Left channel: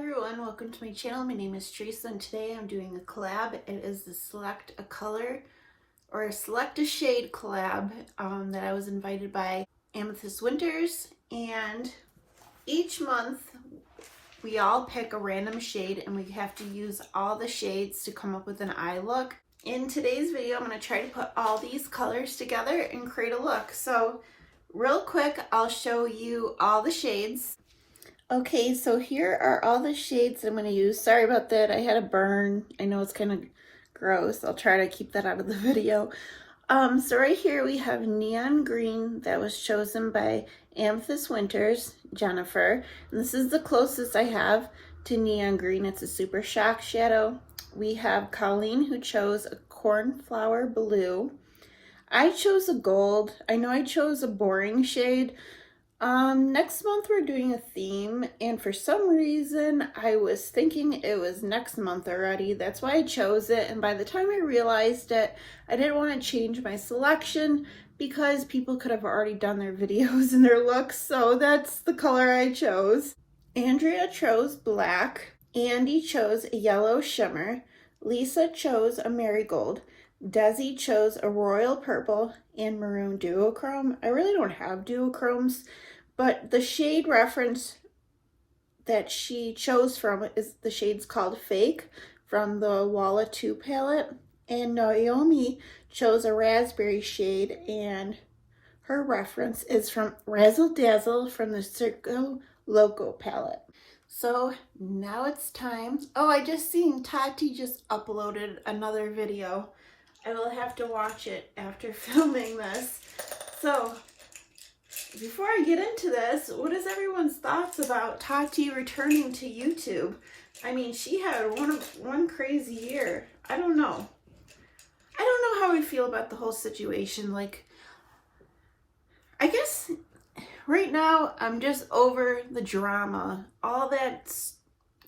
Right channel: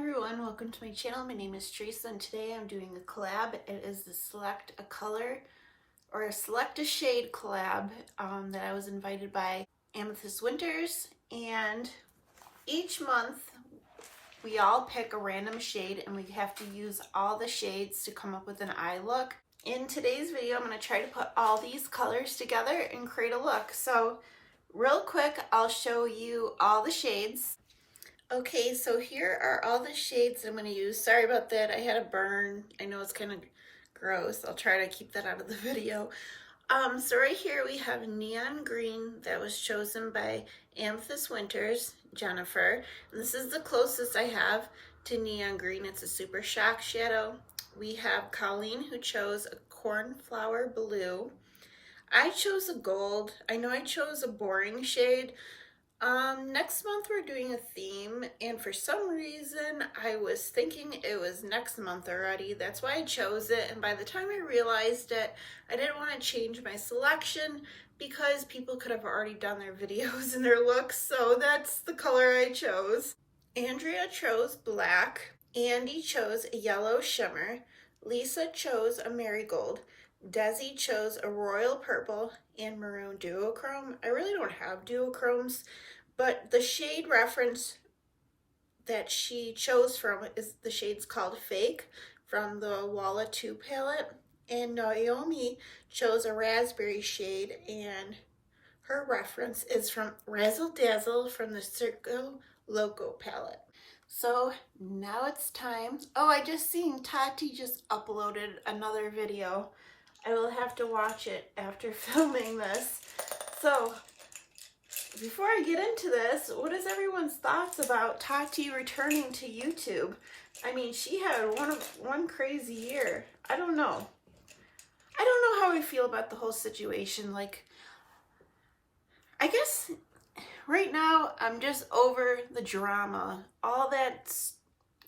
everyone, welcome to my channel. My name is Teresa and today I'm doing a collab. It is the Select a Color or a Select a Shade collab that I was invited by Amethyst Winters, and each month we all pick a random shade and we have to use all the shades to come up with an eye look. In today's video I'm going to try to put all these colors together and create a look. So real quick, I'll show you all the shades. Okay, so here are all the shades I'm going to use. Sorry about that, I had a burn. I know it's kind of gross. I'll try to keep that out of the video. So right here we have Neon Green that was chosen by Amethyst Winters, Jennifer. And this is the closest I have to Neon Green. It's a super shock shadow. We have Colleen who chose a Cornflower Blue. I chose a gold. I know I chose a boring shade. Next month we're doing a theme, and for some reason I was thinking it was next month already. That's why I chose it, and by the time I realized it, I didn't want to change my selection because people could have already done their videos and their looks, so that's the color I chose. Andrea chose black, Andy chose a yellow shimmer, Lisa chose a marigold, Desi chose a royal purple and maroon duochrome. I really don't have duochromes, but the shade reference that she chose from is the shade's called Fake from the Walla 2 palette. And Naomi chose a raspberry shade, and her reference is from Razzle Dazzle from the Circo Loco palette. So now it's time. Oh, I just seen Tati just uploaded another video. I will have to watch it after filming this. So before I get into this, what is everyone's thoughts about Tati returning to YouTube? I mean, she had one crazy year. I don't know how I feel about the whole situation. Like, I guess right now I'm just over the drama. All that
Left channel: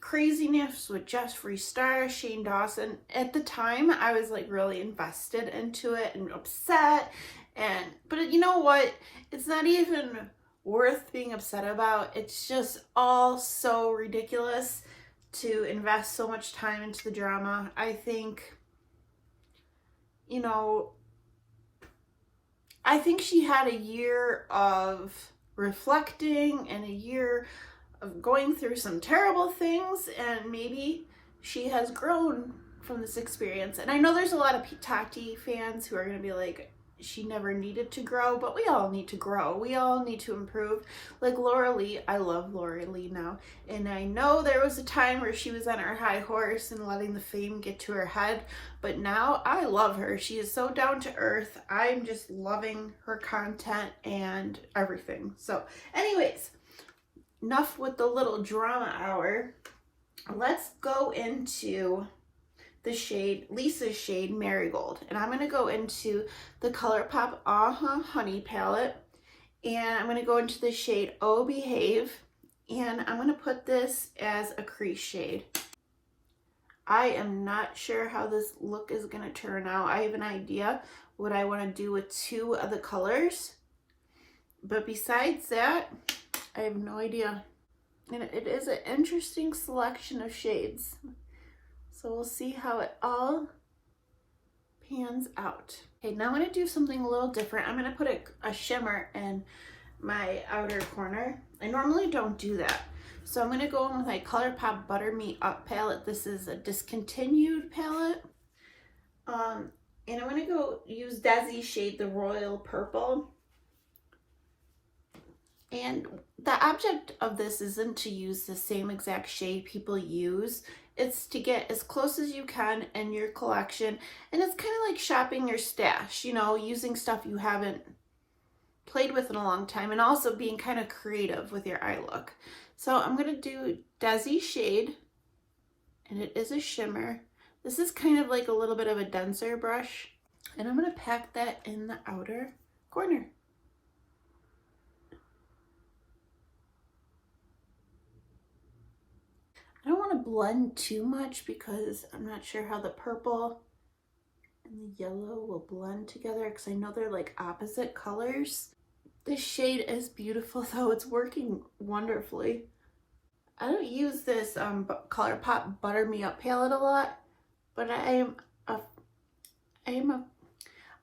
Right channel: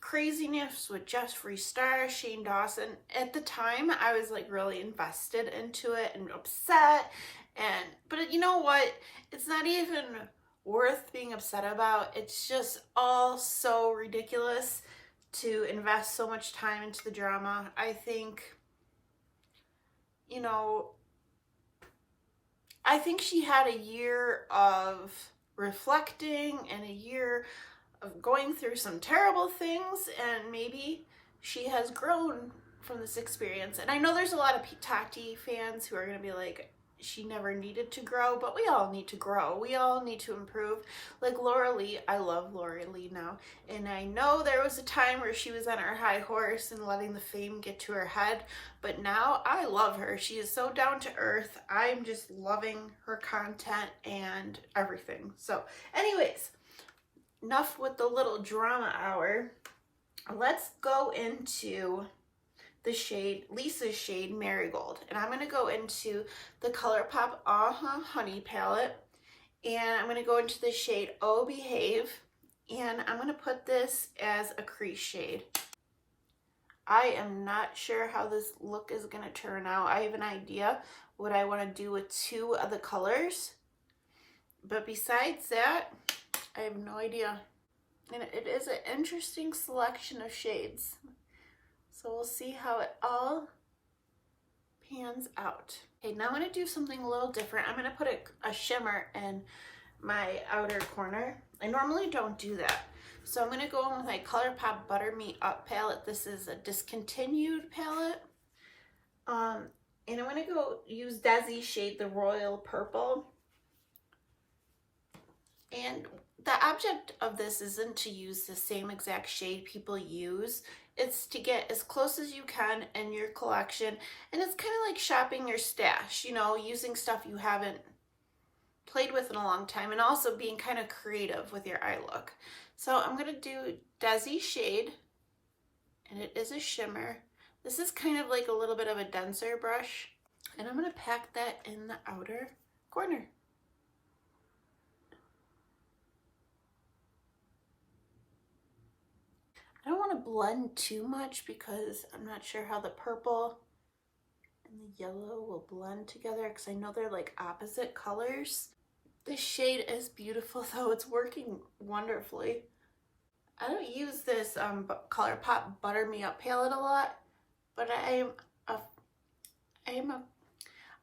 craziness with Jeffree Star, Shane Dawson. At the time, I was like really invested into it and upset. But you know what? It's not even worth being upset about. It's just all so ridiculous to invest so much time into the drama. I think, you know, I think she had a year of reflecting and a year of going through some terrible things, and maybe she has grown from this experience. And I know there's a lot of Tati fans who are going to be like, she never needed to grow, but we all need to grow. We all need to improve. Like Laura Lee, I love Laura Lee now. And I know there was a time where she was on her high horse and letting the fame get to her head, but now I love her. She is so down to earth. I'm just loving her content and everything. So anyways, enough with the little drama hour. Let's go into the shade, Lisa's shade Marigold. And I'm going to go into the ColourPop Honey palette. And I'm going to go into the shade Oh Behave. And I'm going to put this as a crease shade. I am not sure how this look is going to turn out. I have an idea what I want to do with two of the colors. But besides that, I have no idea. And it is an interesting selection of shades. So we'll see how it all pans out. Okay, now I'm going to do something a little different. I'm going to put a shimmer in my outer corner. I normally don't do that. So I'm going to go in with my ColourPop Butter Me Up palette. This is a discontinued palette. And I'm going to go use Desi's shade, the Royal Purple. And the object of this isn't to use the same exact shade people use. It's to get as close as you can in your collection. And it's kind of like shopping your stash, you know, using stuff you haven't played with in a long time, and also being kind of creative with your eye look. So I'm going to do Desi's shade, and it is a shimmer. This is kind of like a little bit of a denser brush. And I'm going to pack that in the outer corner. I don't want to blend too much because I'm not sure how the purple and the yellow will blend together, because I know they're like opposite colors. This shade is beautiful though. It's working wonderfully. I don't use this ColourPop Butter Me Up palette a lot, but I am a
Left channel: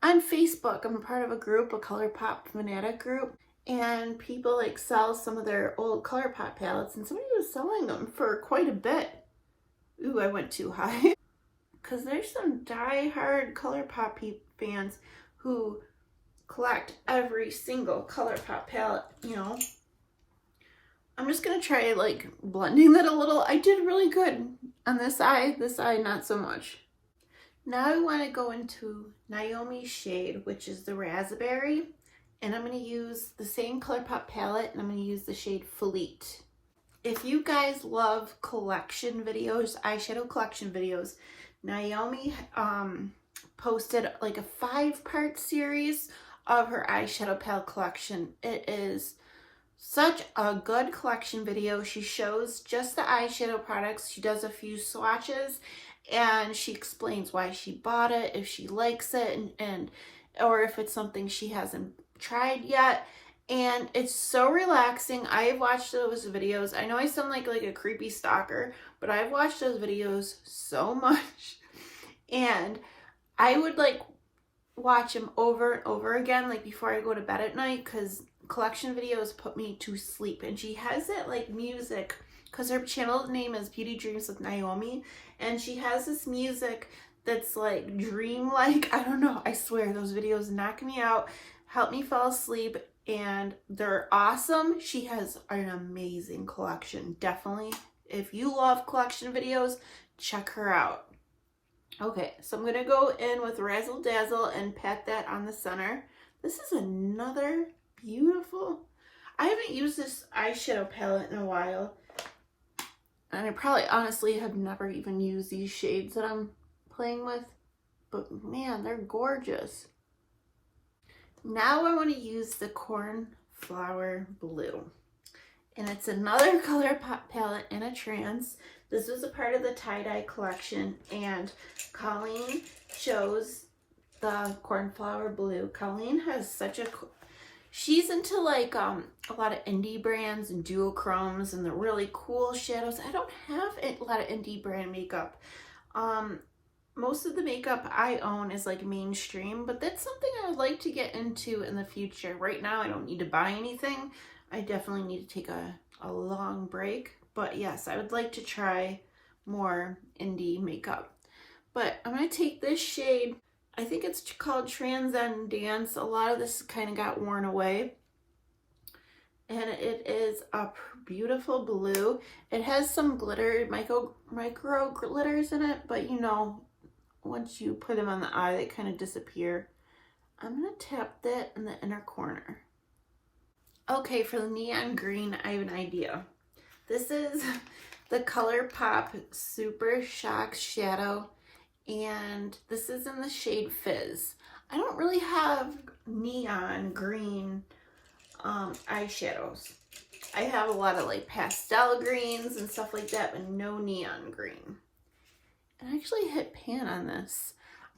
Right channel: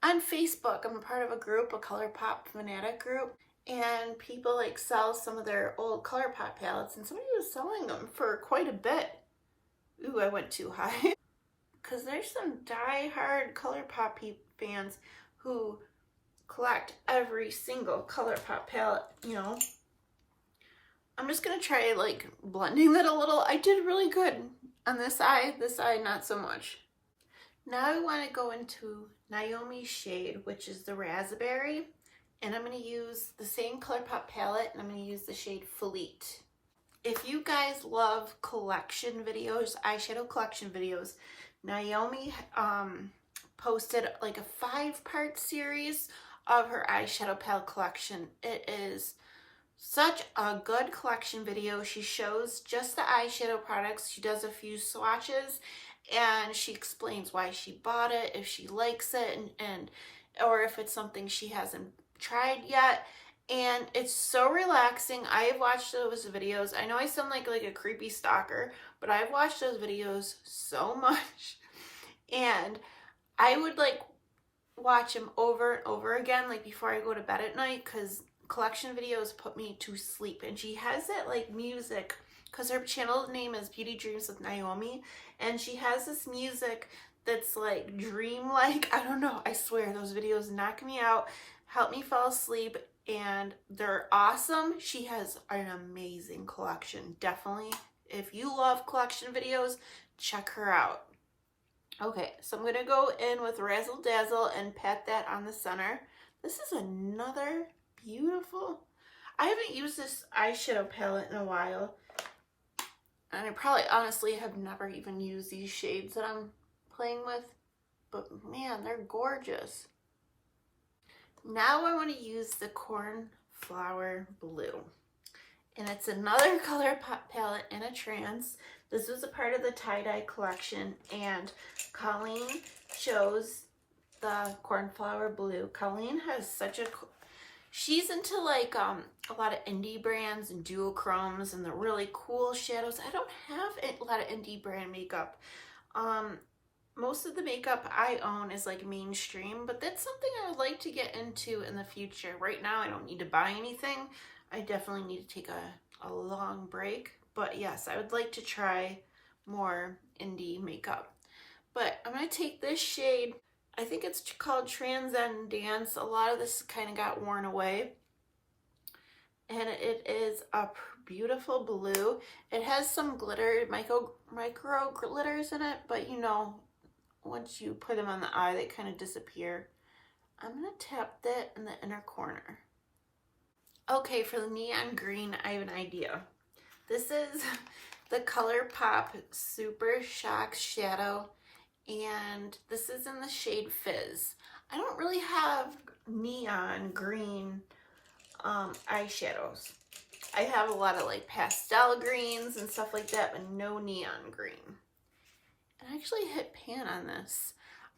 on Facebook. I'm a part of a group, a ColourPop fanatic group, and people like sell some of their old ColourPop palettes, and somebody was selling them for quite a bit. Ooh, I went too high. Because there's some die-hard ColourPop fans who collect every single ColourPop palette, you know. I'm just going to try like blending that a little. I did really good on this eye not so much. Now I want to go into Naomi's shade, which is the Raspberry, and I'm going to use the same ColourPop palette, and I'm going to use the shade Fleet. If you guys love collection videos, eyeshadow collection videos, Naomi posted like a 5-part series of her eyeshadow palette collection. It is such a good collection video. She shows just the eyeshadow products. She does a few swatches and she explains why she bought it, if she likes it, and or if it's something she hasn't tried yet. And it's so relaxing. I have watched those videos. I know I sound like a creepy stalker, but I've watched those videos so much. And I would like watch them over and over again, like before I go to bed at night, because collection videos put me to sleep. And she has it like music, because her channel name is Beauty Dreams with Naomi, and she has this music that's like dreamlike. I don't know, I swear those videos knock me out, help me fall asleep, and they're awesome. She has an amazing collection. Definitely, if you love collection videos, check her out. Okay, so I'm gonna go in with Razzle Dazzle and pat that on the center. This is another beautiful, I haven't used this eyeshadow palette in a while, and I probably honestly have never even used these shades that I'm playing with, but man, they're gorgeous. Now I want to use the Cornflower Blue, and it's another ColourPop palette in a trance. This is a part of the tie-dye collection, and Colleen chose the Cornflower Blue. Colleen has such a, she's into like a lot of indie brands and duochromes and the really cool shadows. I don't have a lot of indie brand makeup. Most of the makeup I own is like mainstream, but that's something I would like to get into in the future. Right now I don't need to buy anything. I definitely need to take a long break, but yes, I would like to try more indie makeup. But I'm going to take this shade, I think it's called Transcendence. A lot of this kind of got worn away, and it is a beautiful blue. It has some glitter, micro glitters in it, but you know, once you put them on the eye, they kind of disappear. I'm going to tap that in the inner corner. Okay, for the neon green, I have an idea. This is the ColourPop Super Shock Shadow, and this is in the shade Fizz. I don't really have neon green eyeshadows. I have a lot of like pastel greens and stuff like that, but no neon green. I actually hit pan on this.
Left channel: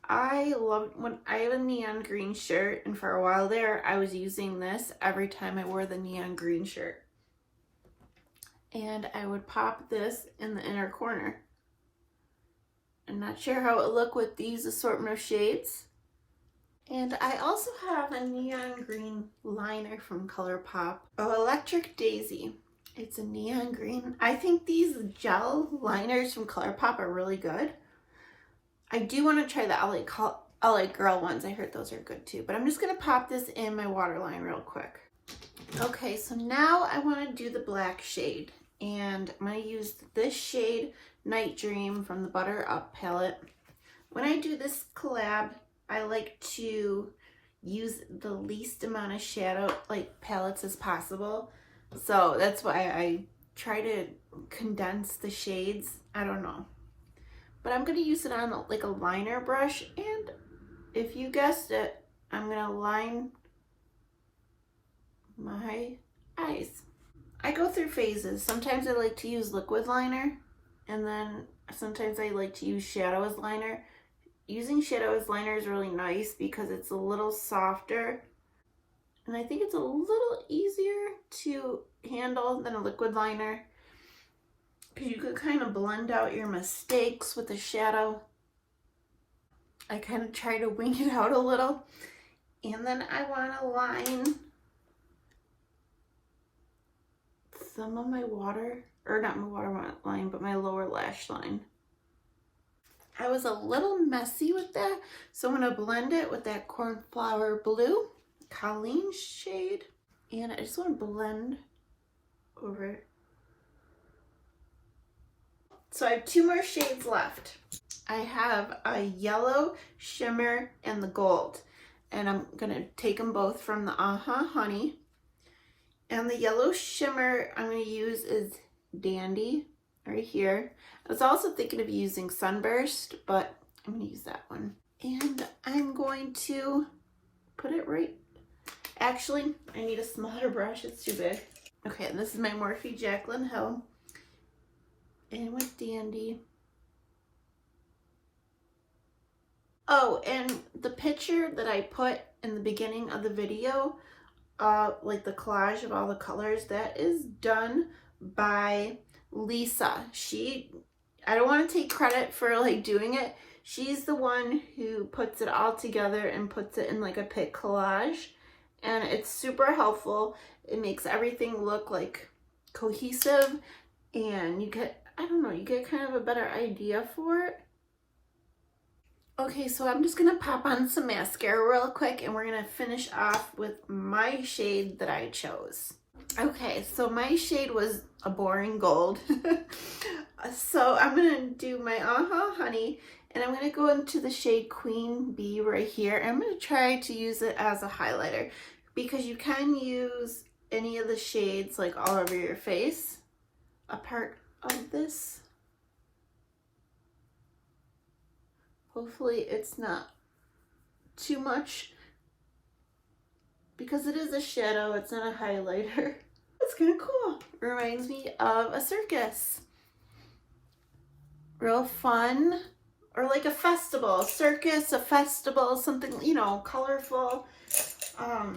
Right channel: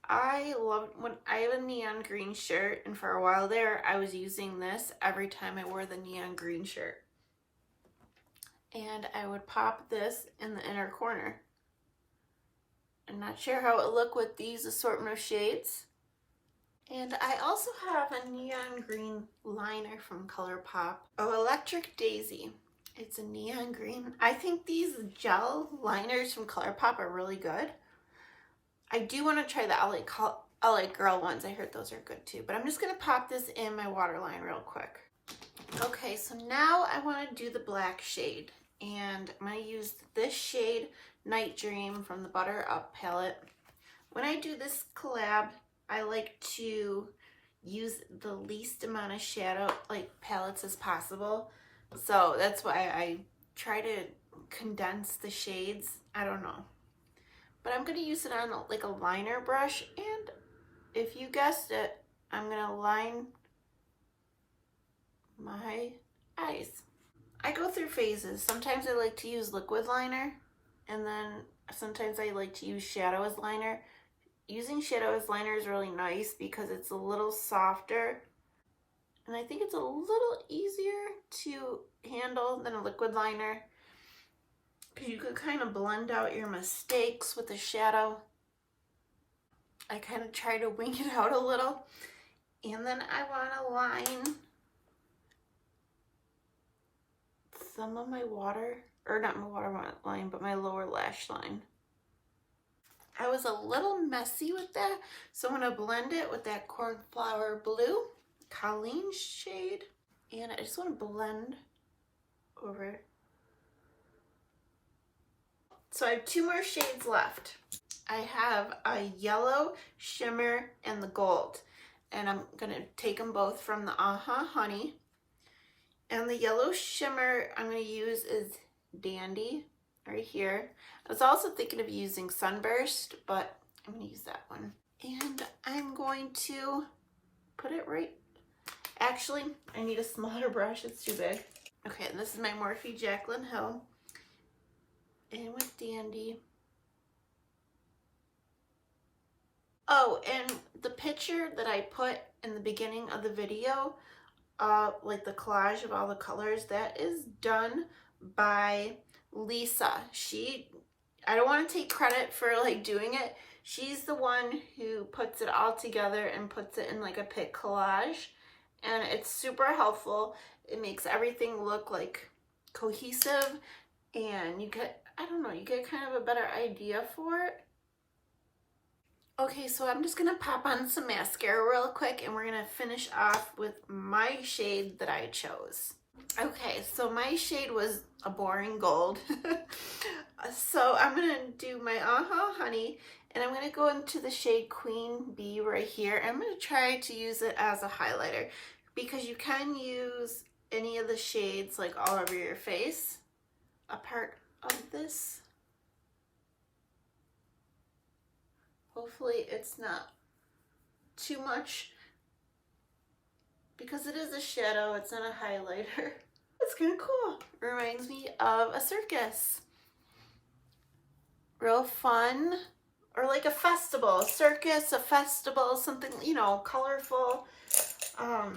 I love when I have a neon green shirt, and for a while there I was using this every time I wore the neon green shirt. And I would pop this in the inner corner. I'm not sure how it would look with these assortment of shades. And I also have a neon green liner from ColourPop. Oh, Electric Daisy. It's a neon green. I think these gel liners from ColourPop are really good. I do want to try the LA Girl ones. I heard those are good too. But I'm just going to pop this in my waterline real quick. Okay, so now I want to do the black shade. And I'm going to use this shade, Night Dream, from the Butter Up palette. When I do this collab, I like to use the least amount of shadow, like palettes as possible. So that's why I try to condense the shades. I don't know. But I'm going to use it on like a liner brush. And if you guessed it, I'm going to line my eyes. I go through phases. Sometimes I like to use liquid liner, and then sometimes I like to use shadow as liner. Using shadow as liner is really nice because it's a little softer, and I think it's a little easier to handle than a liquid liner. because you could kind of blend out your mistakes with the shadow. I kind of try to wing it out a little. And then I want to line some of my water, or not my water line, but my lower lash line. I was a little messy with that, so I'm going to blend it with that Cornflower Blue Colleen shade. And I just want to blend over it. So I have 2 more shades left. I have a yellow shimmer and the gold. And I'm going to take them both from the Honey. And the yellow shimmer I'm going to use is Dandy right here. I was also thinking of using Sunburst, but I'm going to use that one. And I'm going to put it right. Actually, I need a smaller brush. It's too big. Okay, this is my Morphe Jaclyn Hill. And with Dandy. Oh, and the picture that I put in the beginning of the video, like the collage of all the colors, that is done by Lisa. I don't want to take credit for like doing it. She's the one who puts it all together and puts it in like a pic collage. And it's super helpful. It makes everything look like cohesive, and you get, I don't know, you get kind of a better idea for it. Okay, so I'm just gonna pop on some mascara real quick, and we're gonna finish off with my shade that I chose. Okay, so my shade was a boring gold. So I'm gonna do my Honey, and I'm gonna go into the shade Queen Bee right here. I'm gonna try to use it as a highlighter, because you can use any of the shades like all over your face, a part of this. Hopefully it's not too much, because it is a shadow, it's not a highlighter. It's kind of cool. It reminds me of a circus. Real fun. Or like a festival, a circus, a festival, something, you know, colorful. I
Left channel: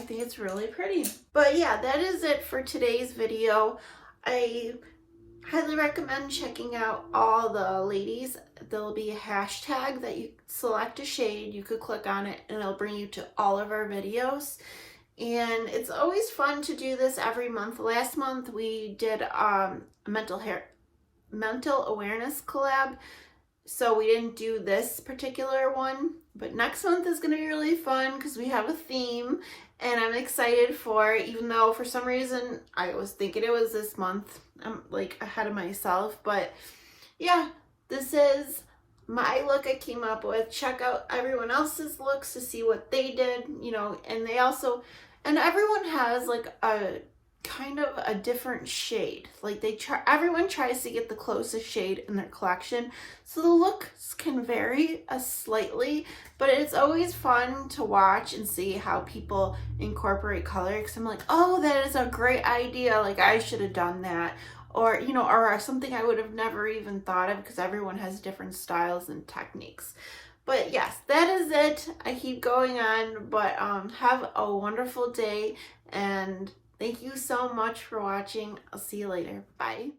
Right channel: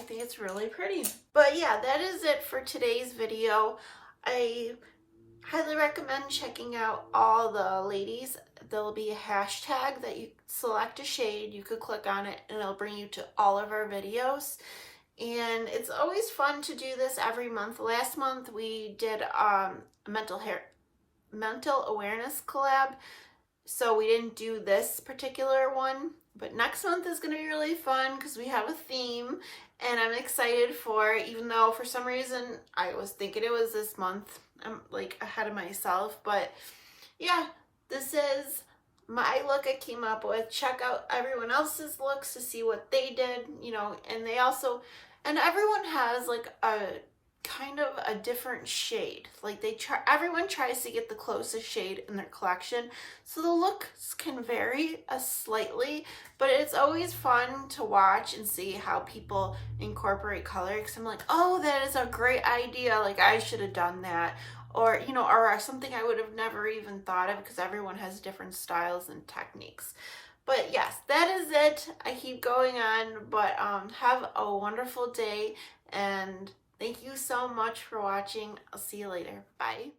think it's really pretty. But yeah, that is it for today's video. I highly recommend checking out all the ladies. There'll be a hashtag that you select a shade, you could click on it, and it'll bring you to all of our videos. And it's always fun to do this every month. Last month we did a mental awareness collab, so we didn't do this particular one, but next month is going to be really fun because we have a theme, and I'm excited for it, even though for some reason I was thinking it was this month. I'm like ahead of myself, but yeah, this is my look I came up with. Check out everyone else's looks to see what they did, you know, and they also, and everyone has like a kind of a different shade. Like everyone tries to get the closest shade in their collection, so the looks can vary slightly, but it's always fun to watch and see how people incorporate color, because I'm like, oh, that is a great idea, like I should have done that, or you know, or something I would have never even thought of, because everyone has different styles and techniques. But yes, that is it. I keep going on, but have a wonderful day, and thank you so much for watching. I'll see you later. Bye.